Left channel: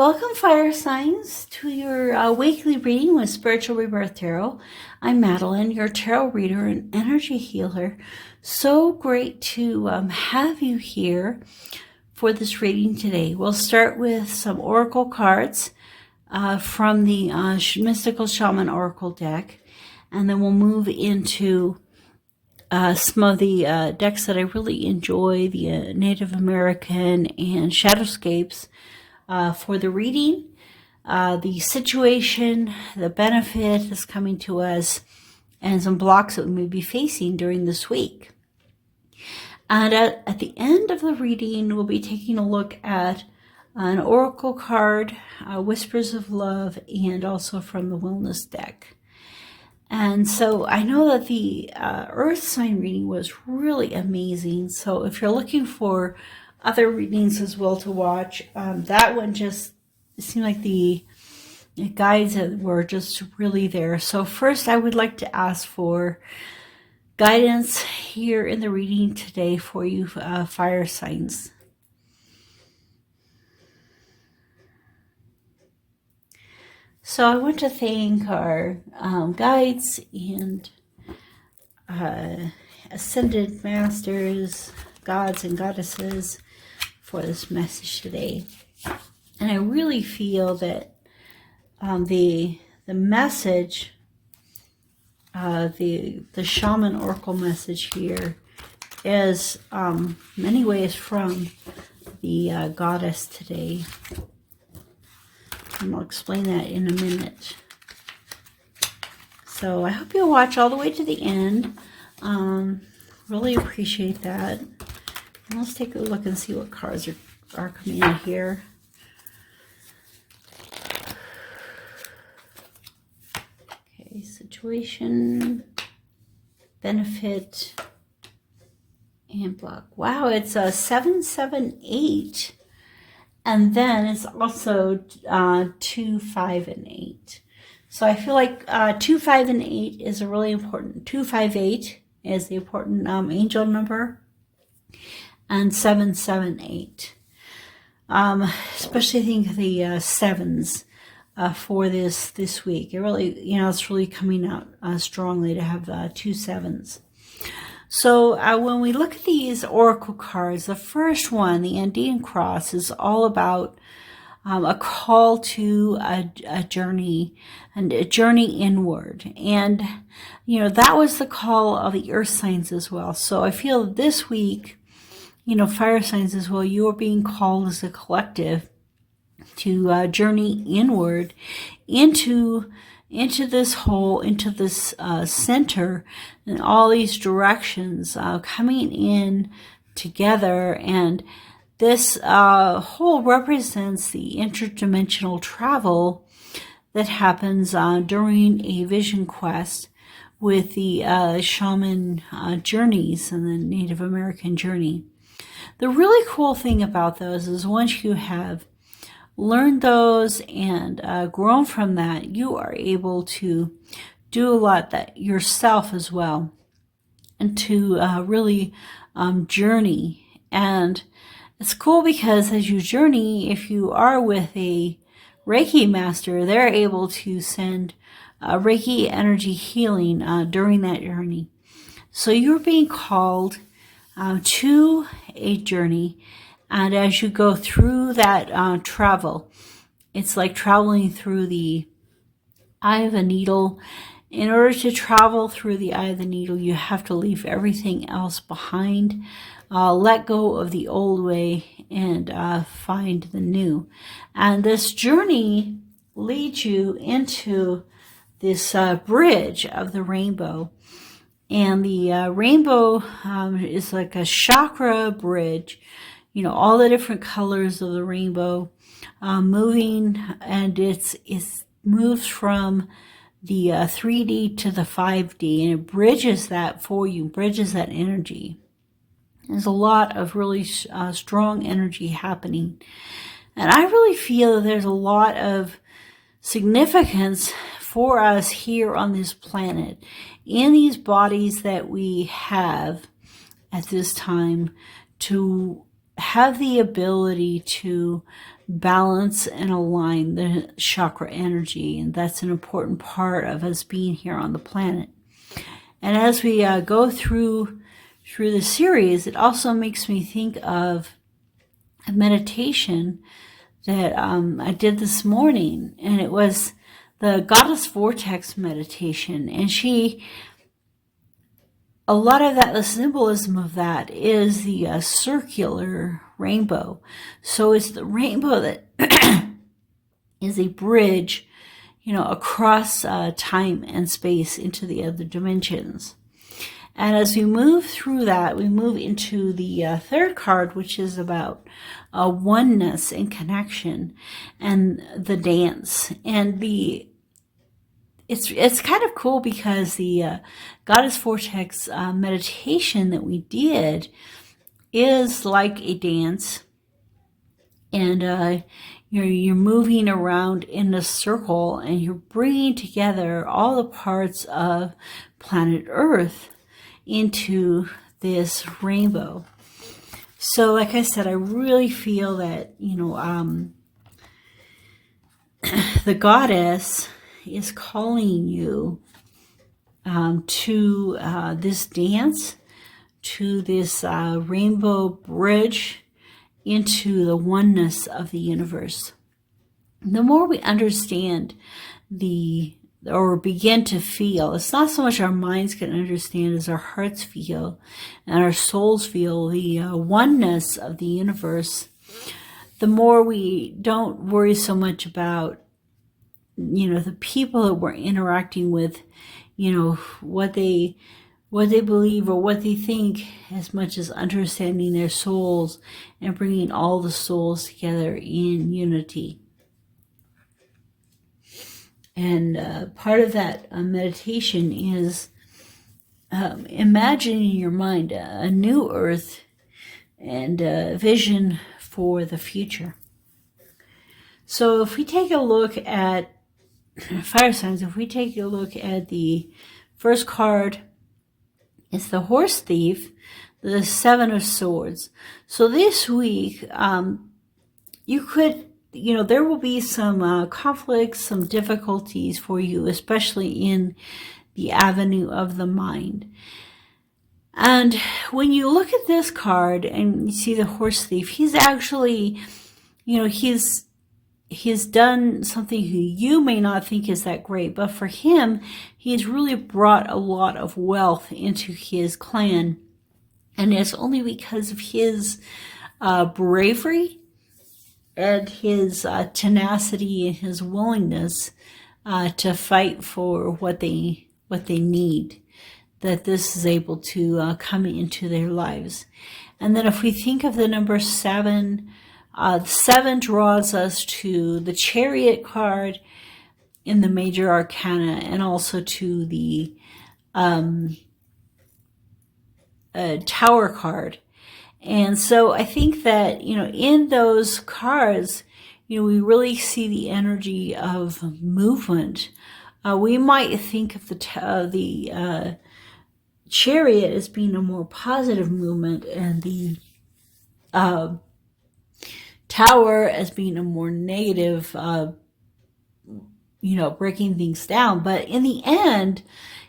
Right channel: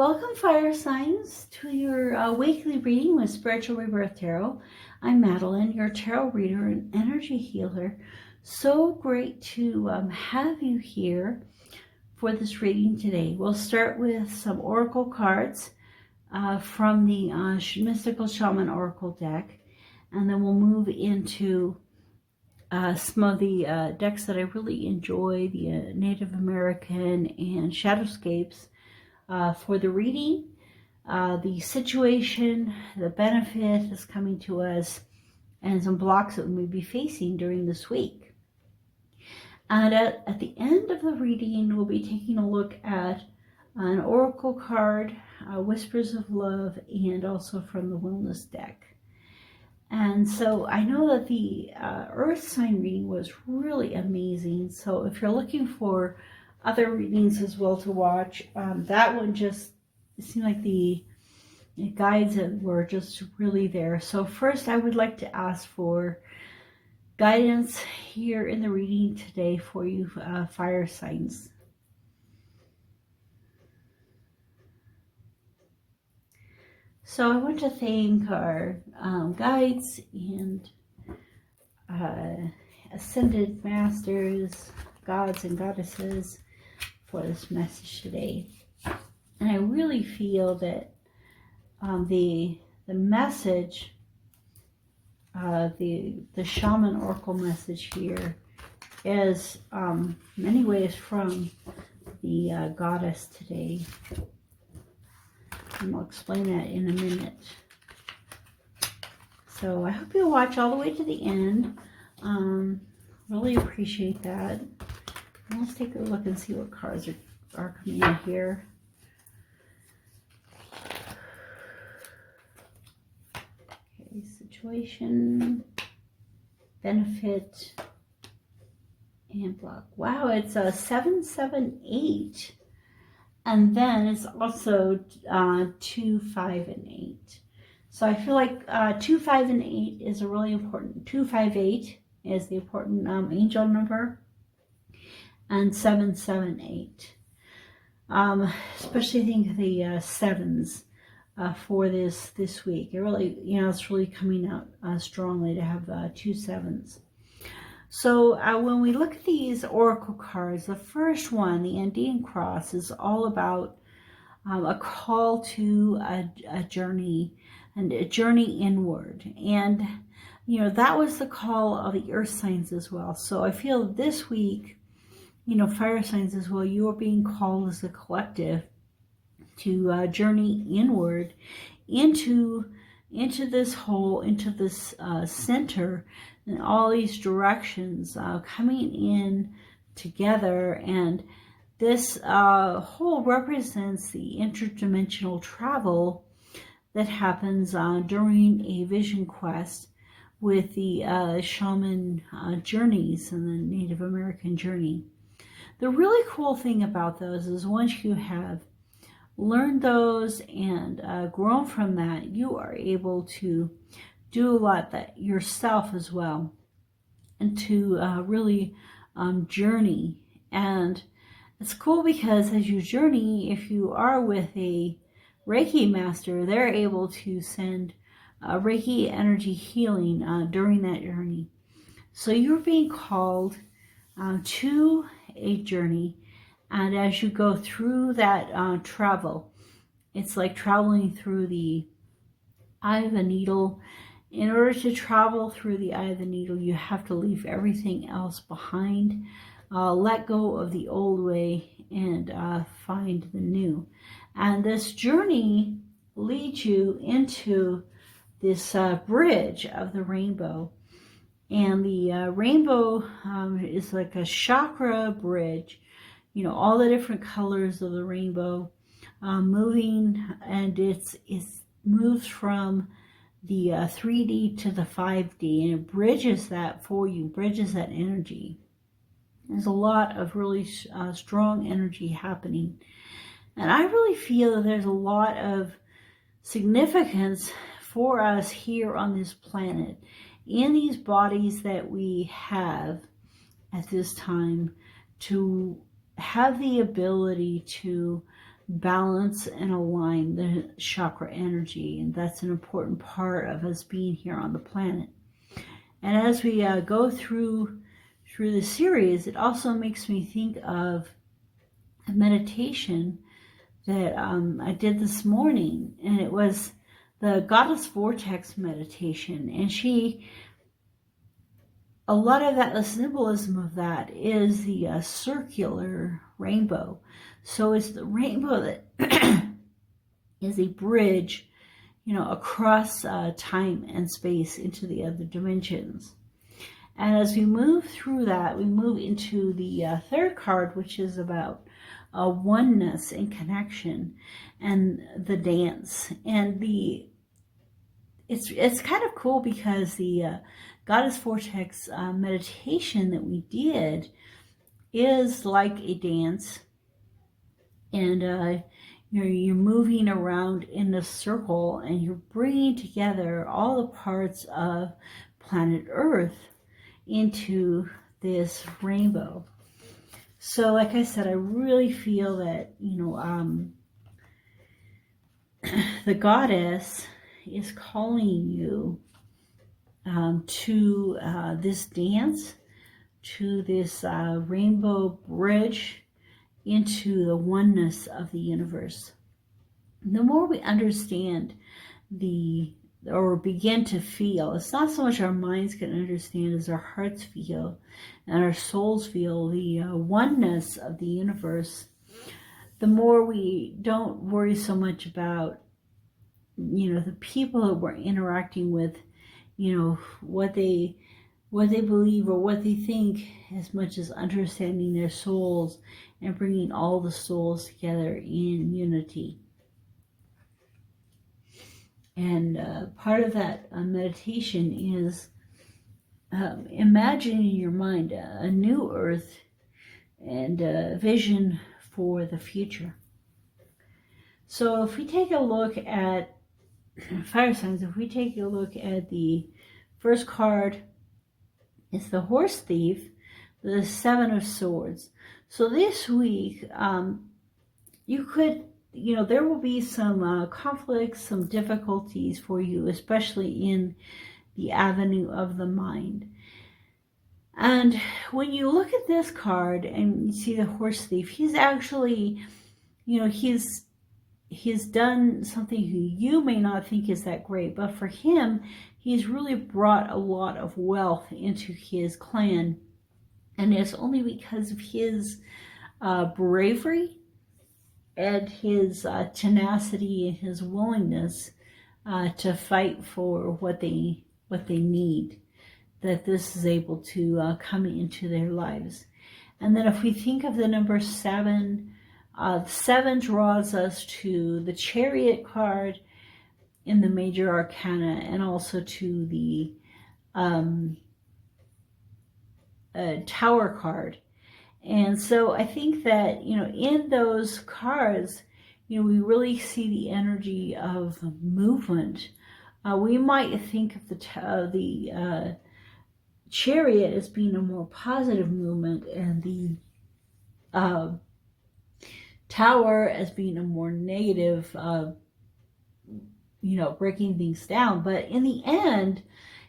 Welcome, fire signs, to your weekly reading with Spiritual Rebirth Tarot. I'm Madelyn, your tarot reader and energy healer. So great to have you here for this reading today. We'll start with some oracle cards from the Mystical Shaman Oracle deck, and then we'll move into some of the decks that I really enjoy, the Native American and Shadowscapes. For the reading, the situation, the benefit that's coming to us, and some blocks that we may be facing during this week. And at the end of the reading, we'll be taking a look at an oracle card, Whispers of Love, and also from the Wellness deck. And so I know that the Earth sign reading was really amazing. So if you're looking for other readings as well to watch, that one just seemed like the guides were just really there. So first I would like to ask for guidance here in the reading today for you fire signs. So I want to thank our guides and ascended masters, gods and goddesses, for this message today. And I really feel that the message, the shaman oracle message here is many ways from the goddess today. And I'll explain that in a minute. So I hope you'll watch all the way to the end. Really appreciate that. Let's take a look and see what cards are coming in here. Okay, situation, benefit, and block. Wow, it's a 778. And then it's also 2, 5, and 8. So I feel like 2, 5, and 8 is a really important. 2, 5, 8 is the important angel number. And 7, 7, 8. Especially I think the sevens for this week. It really, it's really coming out strongly to have 2 sevens. So when we look at these oracle cards, the first one, the Andean Cross, is all about a call to a journey, and a journey inward. And, that was the call of the earth signs as well. So I feel this week, fire signs as well, you are being called as a collective to journey inward into this whole, into this center, and all these directions coming in together. And this whole represents the interdimensional travel that happens during a vision quest with the shaman journeys and the Native American journey. The really cool thing about those is once you have learned those and grown from that, you are able to do a lot that yourself as well, and to really journey. And it's cool because as you journey, if you are with a Reiki master, they're able to send Reiki energy healing during that journey. So you're being called to a journey, and as you go through that travel, it's like traveling through the eye of a needle. In order to travel through the eye of the needle, you have to leave everything else behind, let go of the old way, and find the new. And this journey leads you into this bridge of the rainbow. And the rainbow is like a chakra bridge, all the different colors of the rainbow moving, and it moves from the 3D to the 5D, and it bridges that for you, bridges that energy. There's a lot of really strong energy happening. And I really feel that there's a lot of significance for us here on this planet, in these bodies that we have at this time, to have the ability to balance and align the chakra energy. And that's an important part of us being here on the planet. And as we go through the series, it also makes me think of a meditation that I did this morning, and it was the Goddess Vortex meditation. And a lot of that, the symbolism of that is the circular rainbow. So it's the rainbow that is a bridge, across time and space into the other dimensions. And as we move through that, we move into the third card, which is about oneness and connection and the dance. And it's kind of cool because the Goddess Vortex meditation that we did is like a dance. And you're moving around in a circle, and you're bringing together all the parts of planet Earth into this rainbow. So like I said, I really feel that, the goddess is calling you to this dance, to this rainbow bridge into the oneness of the universe. The more we understand or begin to feel, it's not so much our minds can understand as our hearts feel and our souls feel the oneness of the universe, the more we don't worry so much about, the people that we're interacting with, what they believe or what they think, as much as understanding their souls and bringing all the souls together in unity. And part of that meditation is imagining in your mind a new earth and a vision for the future. So if we take a look at fire signs, if we take a look at the first card, it's the Horse Thief, the Seven of Swords. So this week, you could, there will be some conflicts, some difficulties for you, especially in the avenue of the mind. And when you look at this card and you see the Horse Thief, he's actually, he's done something you may not think is that great, but for him, he's really brought a lot of wealth into his clan. And it's only because of his bravery and his tenacity and his willingness to fight for what they need, that this is able to come into their lives. And then if we think of the number 7, 7 draws us to the Chariot card in the major arcana, and also to the Tower card. And so I think that, in those cards, we really see the energy of movement. We might think of the Chariot as being a more positive movement, and the Tower as being a more negative, breaking things down. But in the end,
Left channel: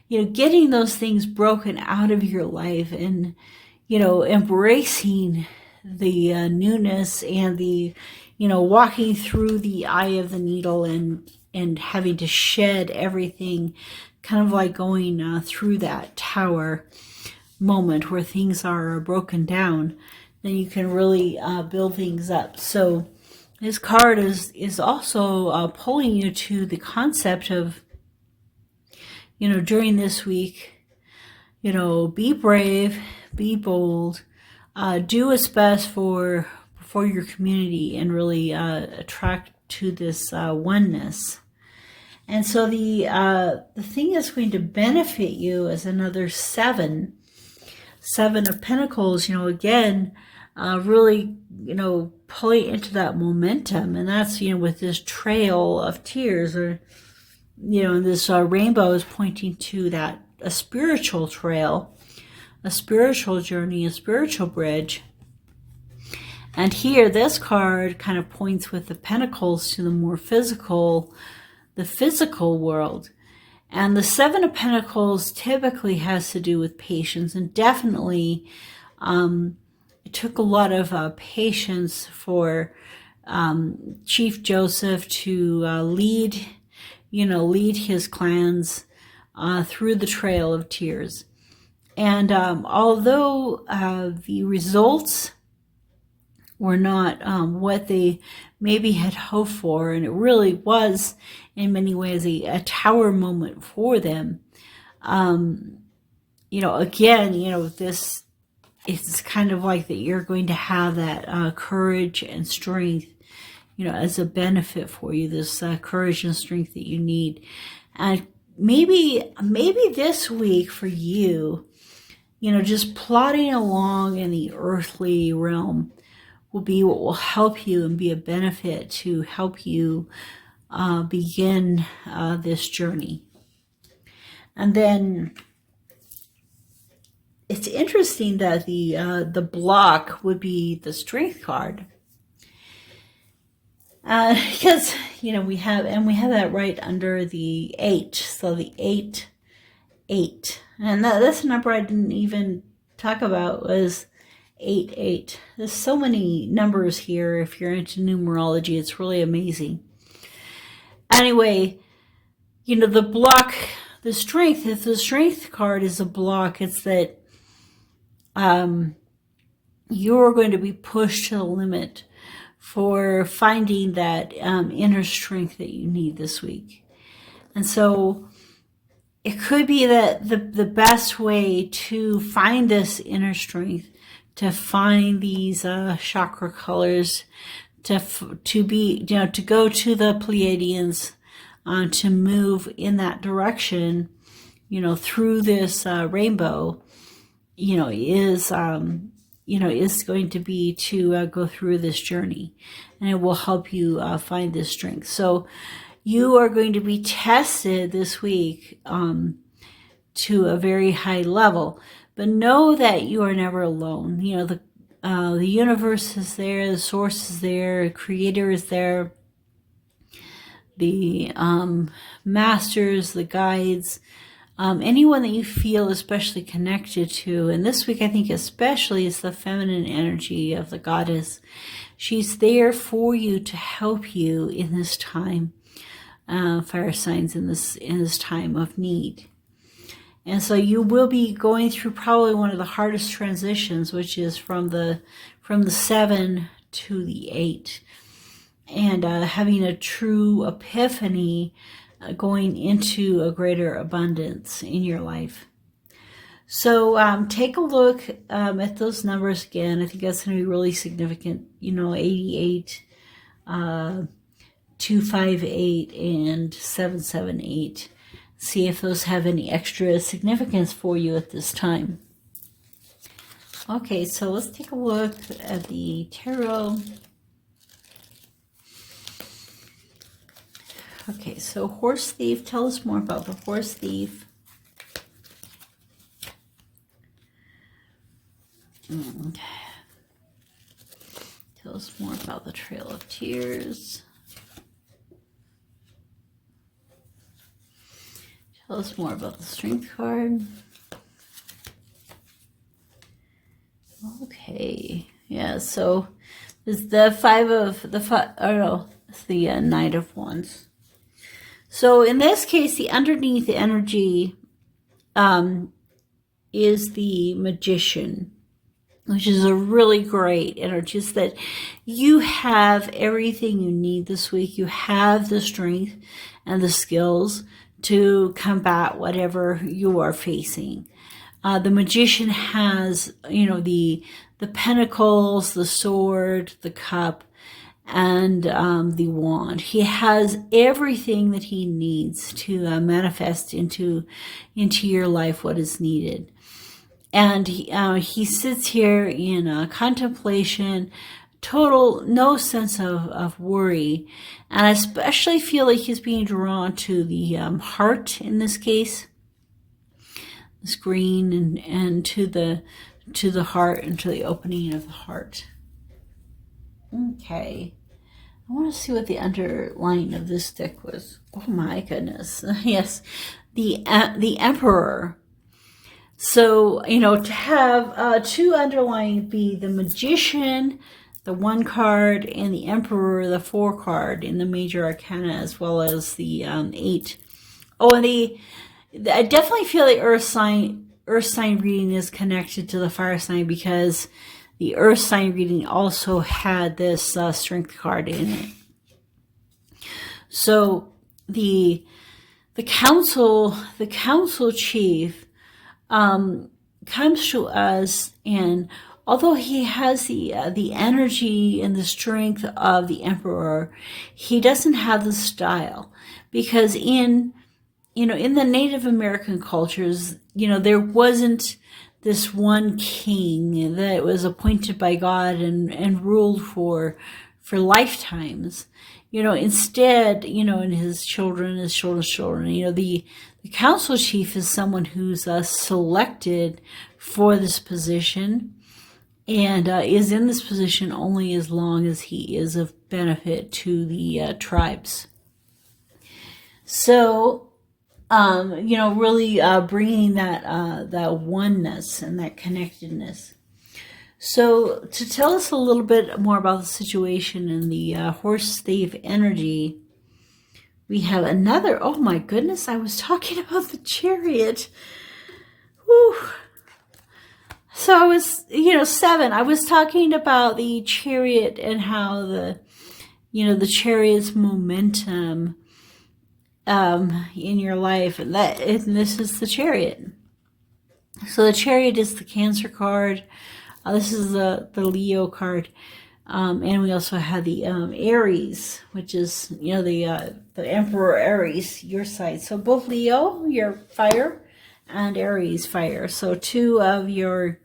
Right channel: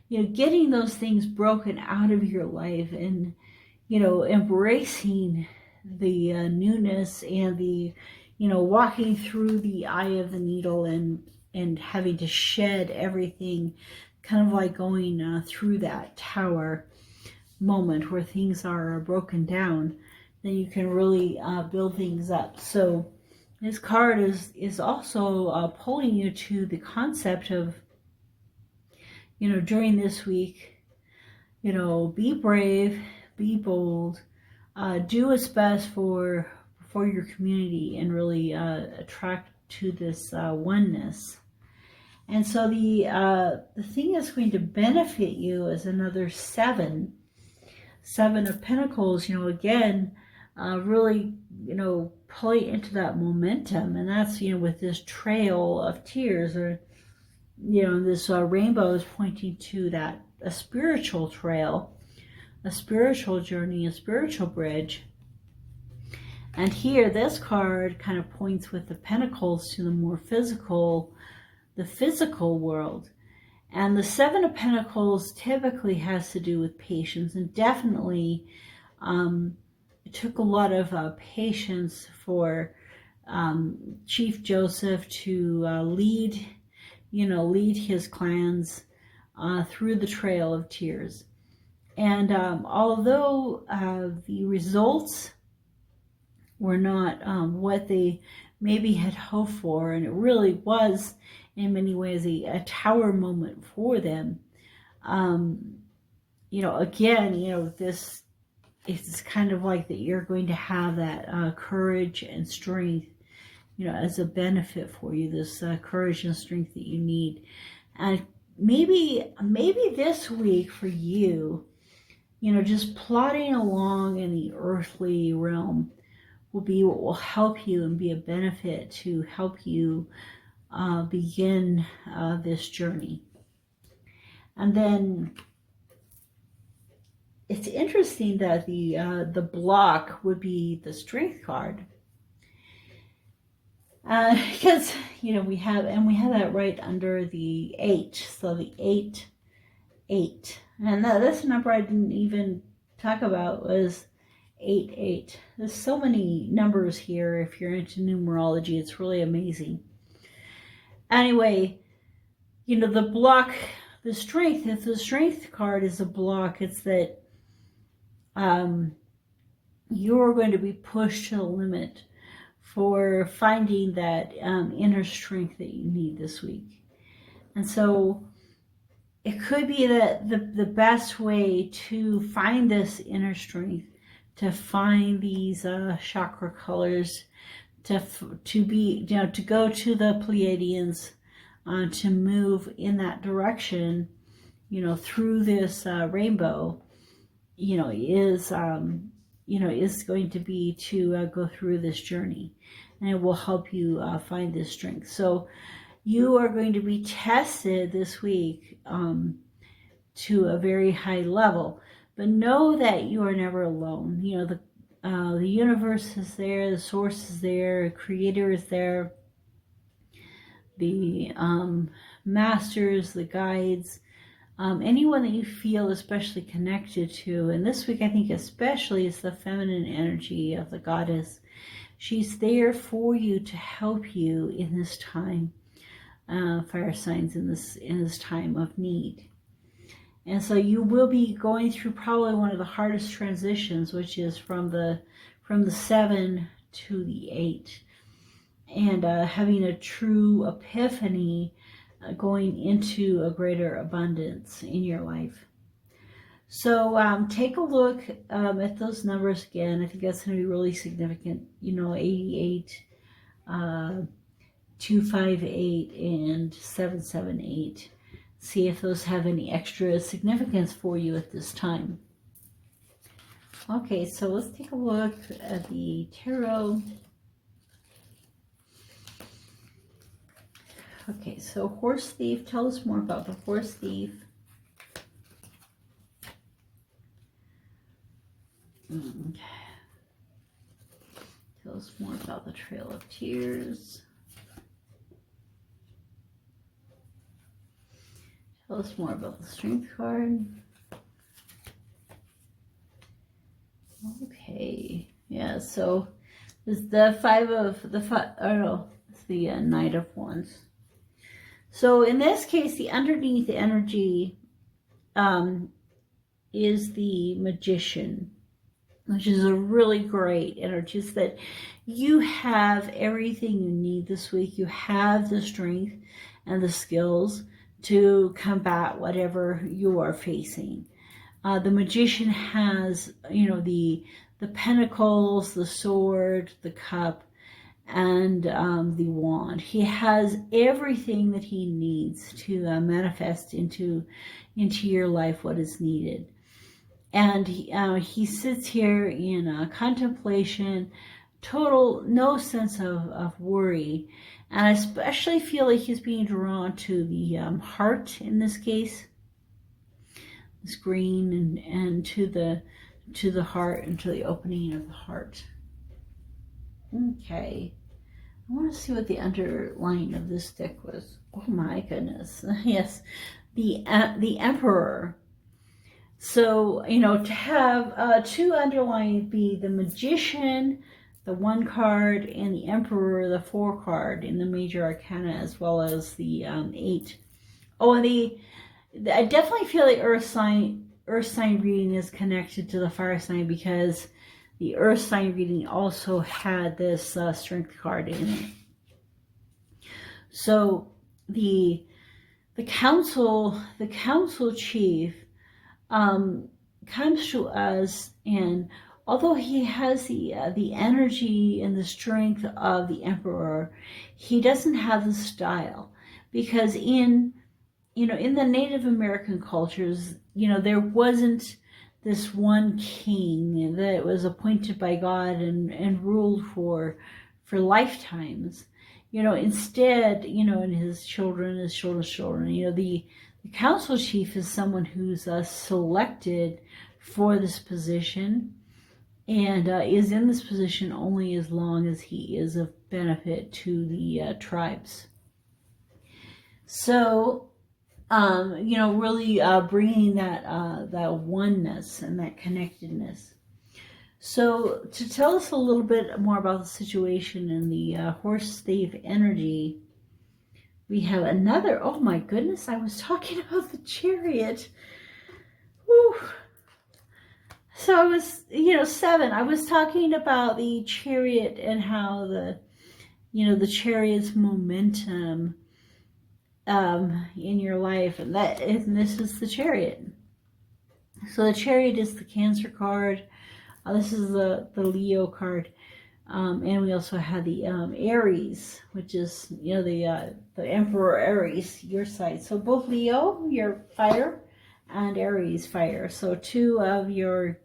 getting those things broken out of your life and, embracing the newness and the, walking through the eye of the needle and having to shed everything, kind of like going through that tower moment where things are broken down, then you can really build things up. So this card is also pulling you to the concept of, during this week, be brave, be bold, do what's best for your community, and really attract to this oneness. And so the thing that's going to benefit you is another 7 of Pentacles, again, really, pulling into that momentum. And that's, with this trail of tears, or, this rainbow is pointing to that, a spiritual trail, a spiritual journey, a spiritual bridge. And here, this card kind of points with the pentacles to the more physical, the physical world. And the Seven of Pentacles typically has to do with patience, and definitely it took a lot of patience for Chief Joseph to lead his clans through the Trail of Tears. And although the results were not what they maybe had hoped for, and it really was in many ways a tower moment for them, this, it's kind of like that you're going to have that courage and strength, as a benefit for you, this courage and strength that you need. And maybe this week for you, just plodding along in the earthly realm will be what will help you and be a benefit to help you begin this journey. And then it's interesting that the block would be the Strength card. Because, we have that right under the 8. So the 8, 8. And that's a number I didn't even talk about, was 8, 8. There's so many numbers here. If you're into numerology, it's really amazing. Anyway, the block, the strength, if the Strength card is a block, it's that you're going to be pushed to the limit for finding that inner strength that you need this week. And so it could be that the best way to find this inner strength, to find these chakra colors, to go to the Pleiadians, to move in that direction, through this rainbow, is going to be to go through this journey, and it will help you find this strength. So you are going to be tested this week to a very high level, but know that you are never alone. The universe is there, the source is there, the creator is there, the masters, the guides, anyone that you feel especially connected to. And this week, I think especially, is the feminine energy of the goddess. She's there for you to help you in this time, fire signs, in this time of need. And so you will be going through probably one of the hardest transitions, which is from the 7 to the 8, and having a true epiphany, going into a greater abundance in your life. So take a look at those numbers again. I think that's going to be really significant. 88, 258, and 778. See if those have any extra significance for you at this time. Okay, so let's take a look at the tarot. Okay, so Horse Thief, tell us more about the Horse Thief. Tell us more about the Trail of Tears. Tell us more about the Strength card. Okay, yeah, so it's the it's the Knight of Wands. So in this case, the underneath energy is the Magician, which is a really great energy. It's that you have everything you need this week. You have the strength and the skills to combat whatever you are facing. The Magician has, the pentacles, the sword, the cup, and the wand. He has everything that he needs to manifest into your life what is needed. And he sits here in contemplation, total, no sense of worry. And I especially feel like he's being drawn to the heart in this case, this green, and to the heart, and to the opening of the heart. Okay. I want to see what the underline of this deck was. Oh my goodness. Yes. The Emperor. So, you know, to have two underlying be the Magician, the 1 card, and the Emperor, the 4 card in the major arcana, as well as the 8. Oh, and I definitely feel the Earth sign reading is connected to the fire sign, because the Earth sign reading also had this Strength card in it. So the council chief comes to us, and although he has the energy and the strength of the Emperor, he doesn't have the style, because in the Native American cultures, there wasn't this one king that was appointed by God and ruled for lifetimes. Instead, and his children's children, the council chief is someone who's selected for this position, and is in this position only as long as he is of benefit to the tribes. So, really bringing that oneness and that connectedness. So to tell us a little bit more about the situation and the horse thief energy, we have another, oh my goodness, I was talking about the Chariot. Whew. So I was, 7, I was talking about the Chariot and how the Chariot's momentum in your life, and this is the Chariot. So the Chariot is the Cancer card. This is the Leo card, and we also have the Aries, which is the Emperor Aries, your side. So both Leo, your fire, and Aries, fire. So 2 of your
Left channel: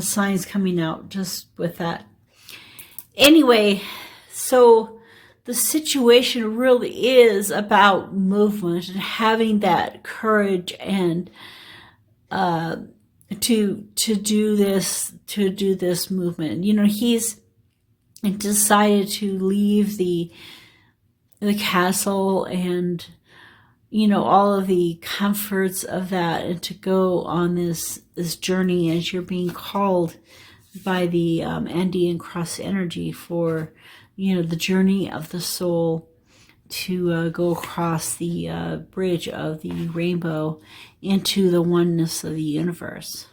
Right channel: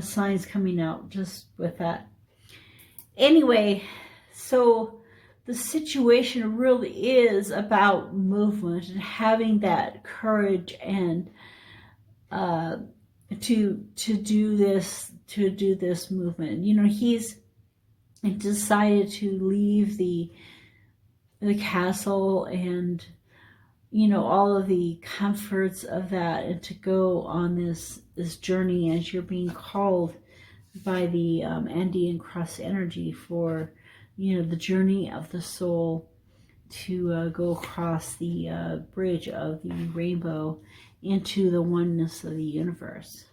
signs coming out just with that. Anyway, so the situation really is about movement and having that courage and to do this movement. He's decided to leave the castle and all of the comforts of that, and to go on this journey as you're being called by the Andean cross energy for the journey of the soul to go across the bridge of the rainbow into the oneness of the universe.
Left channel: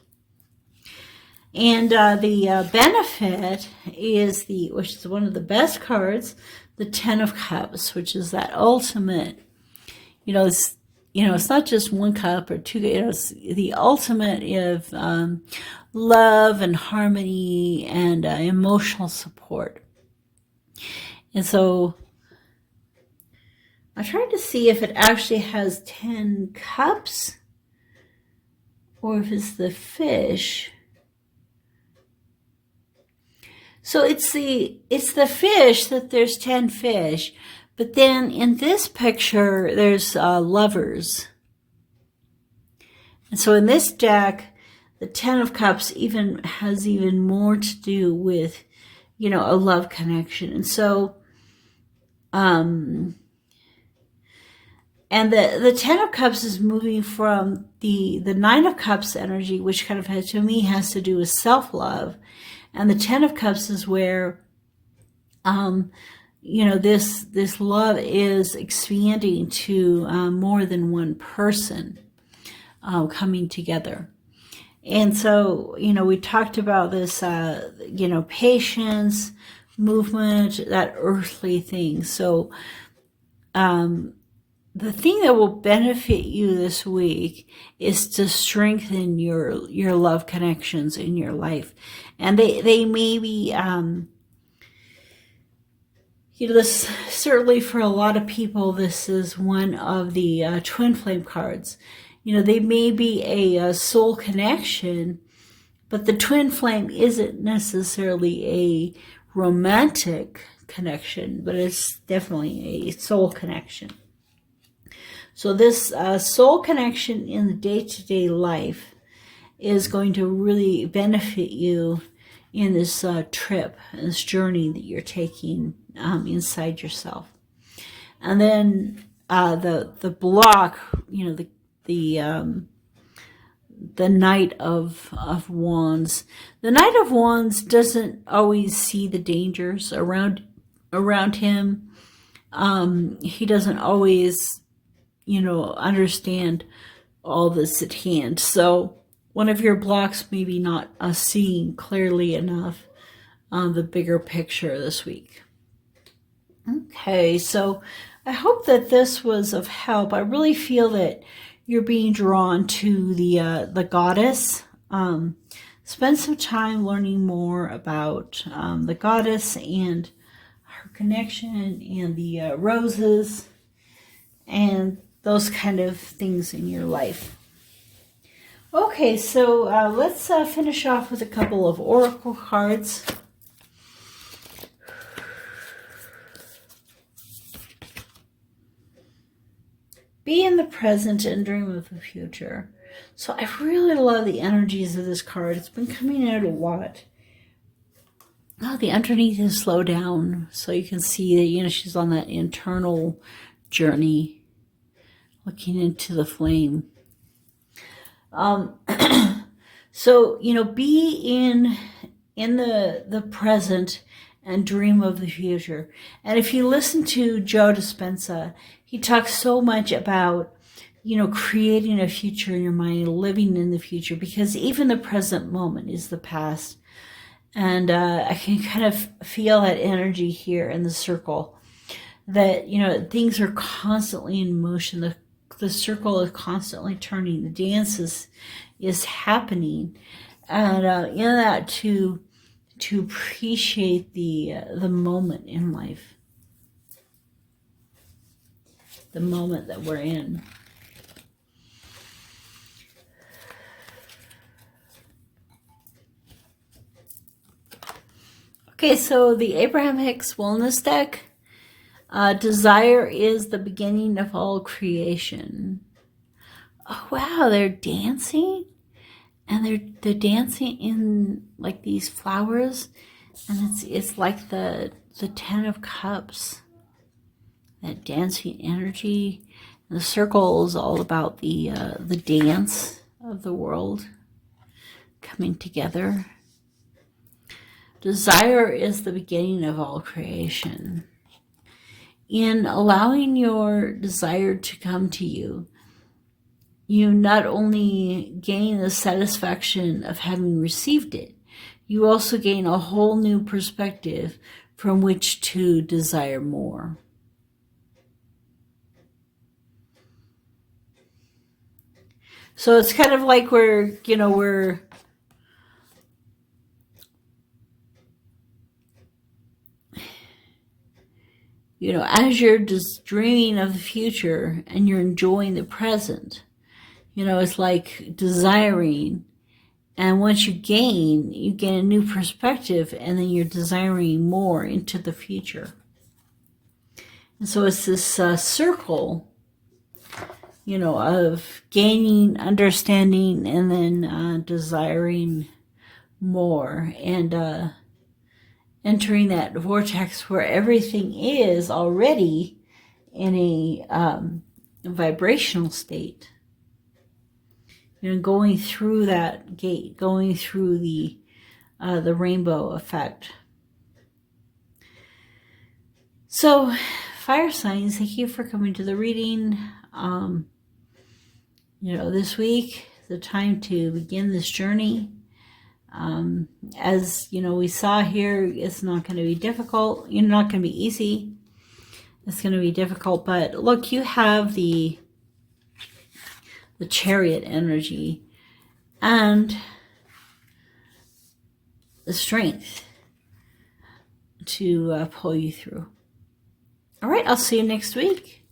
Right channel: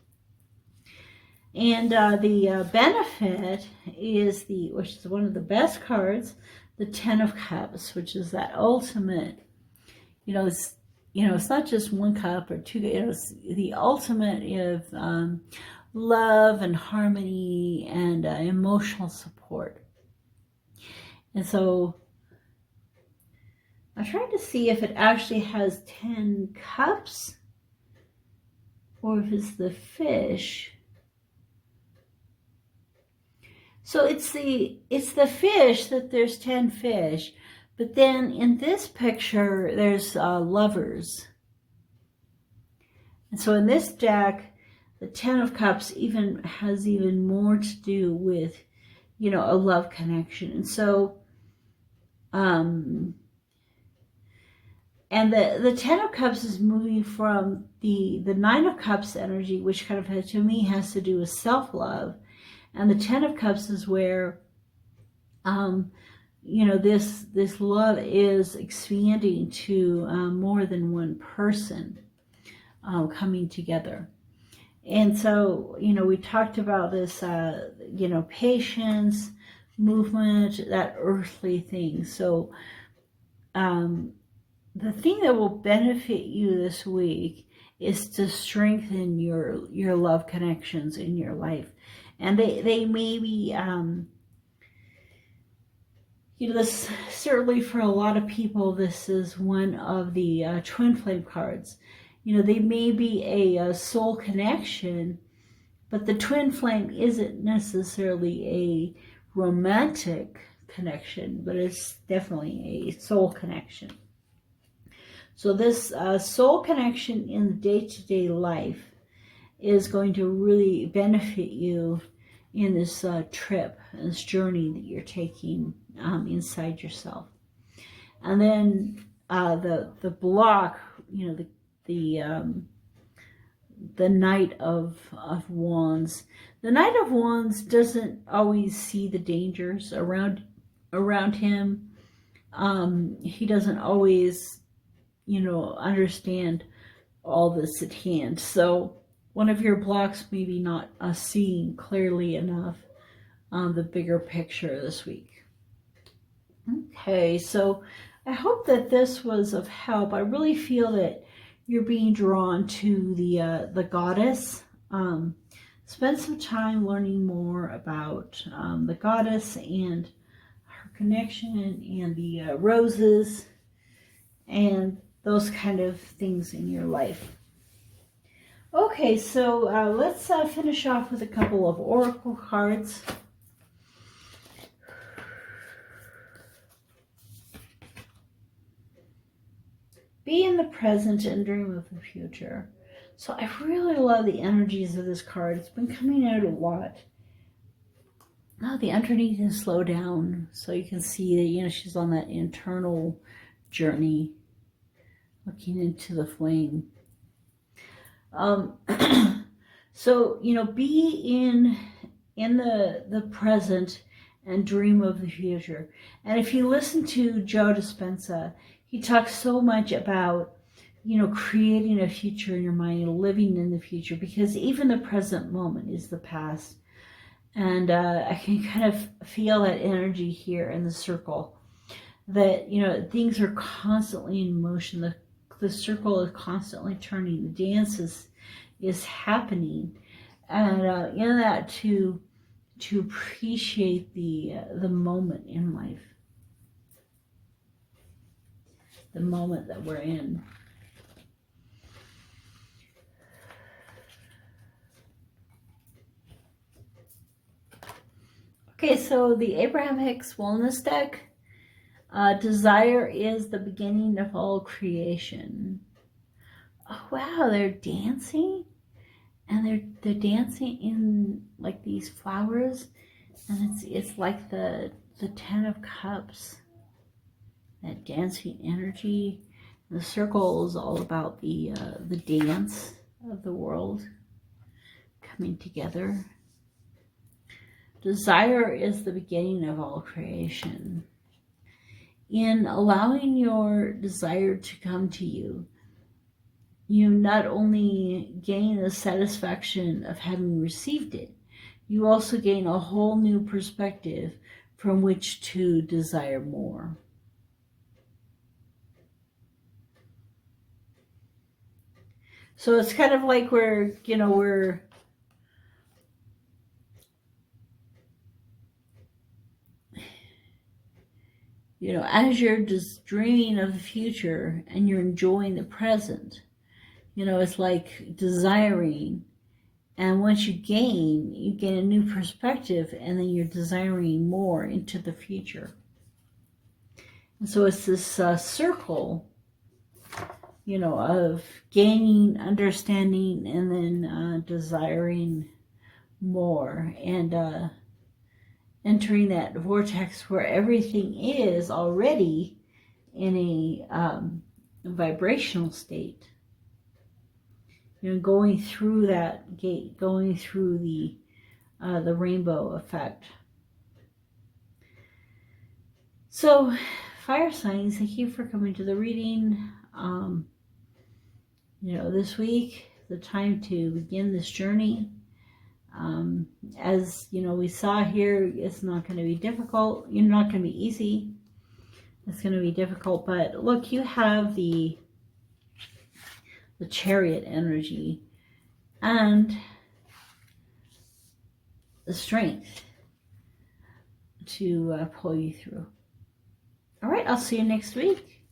And the benefit is which is one of the best cards, the 10 of Cups, which is that ultimate, it's not just 1 cup or 2, it's the ultimate of love and harmony and emotional support. And so I tried to see if it actually has 10 cups or if it's the fish. So it's the fish, that there's 10 fish, but then in this picture there's lovers. And so in this deck, the 10 of Cups has even more to do with a love connection. And so and the 10 of Cups is moving from the 9 of Cups energy, which kind of has to do with self-love. And the 10 of Cups is where, this love is expanding to more than one person coming together. And so, we talked about this, patience, movement, that earthly thing. So, the thing that will benefit you this week is to strengthen your love connections in your life. And they may be, this, certainly for a lot of people, this is one of the twin flame cards. They may be a soul connection, but the twin flame isn't necessarily a romantic connection, but it's definitely a soul connection. So this soul connection in the day-to-day life is going to really benefit you in this trip, this journey that you're taking inside yourself. And then the block, you know, the Knight of Wands. The Knight of Wands doesn't always see the dangers around him. He doesn't always, you know, understand all this at hand. So one of your blocks maybe not seeing clearly enough the bigger picture this week. Okay, so I hope that this was of help. I really feel that you're being drawn to the goddess. Spend some time learning more about the goddess and her connection and the roses and those kind of things in your life. Okay, so let's finish off with a couple of oracle cards. Be in the present and dream of the future. So I really love the energies of this card. It's been coming out a lot. Oh, the underneath is slow down. So you can see that, you know, she's on that internal journey, looking into the flame. So, you know, be in the present and dream of the future. And if you listen to Joe Dispenza, he talks so much about, you know, creating a future in your mind, living in the future, because even the present moment is the past. And I can kind of feel that energy here in the circle, that, you know, things are constantly in motion. The circle is constantly turning. The dance is happening. And in that, to appreciate the moment in life, the moment that we're in. Okay, so the Abraham Hicks Wellness deck, desire is the beginning of all creation. Oh wow, they're dancing, and they're dancing in like these flowers, and it's like the 10 of Cups, that dancing energy. And the circle is all about the dance of the world coming together. Desire is the beginning of all creation. In allowing your desire to come to you, you not only gain the satisfaction of having received it, you also gain a whole new perspective from which to desire more. So it's kind of like we're as you're just dreaming of the future and you're enjoying the present, it's like desiring. And once you gain a new perspective, and then you're desiring more into the future. And so it's this circle, of gaining, understanding, and then desiring more, and entering that vortex where everything is already in a vibrational state. Going through that gate, going through the rainbow effect. So, fire signs, thank you for coming to the reading. This week, the time to begin this journey. As we saw here, it's not going to be difficult. You're not going to be easy. It's going to be difficult, but look, you have the Chariot energy and the strength to pull you through. All right, I'll see you next week.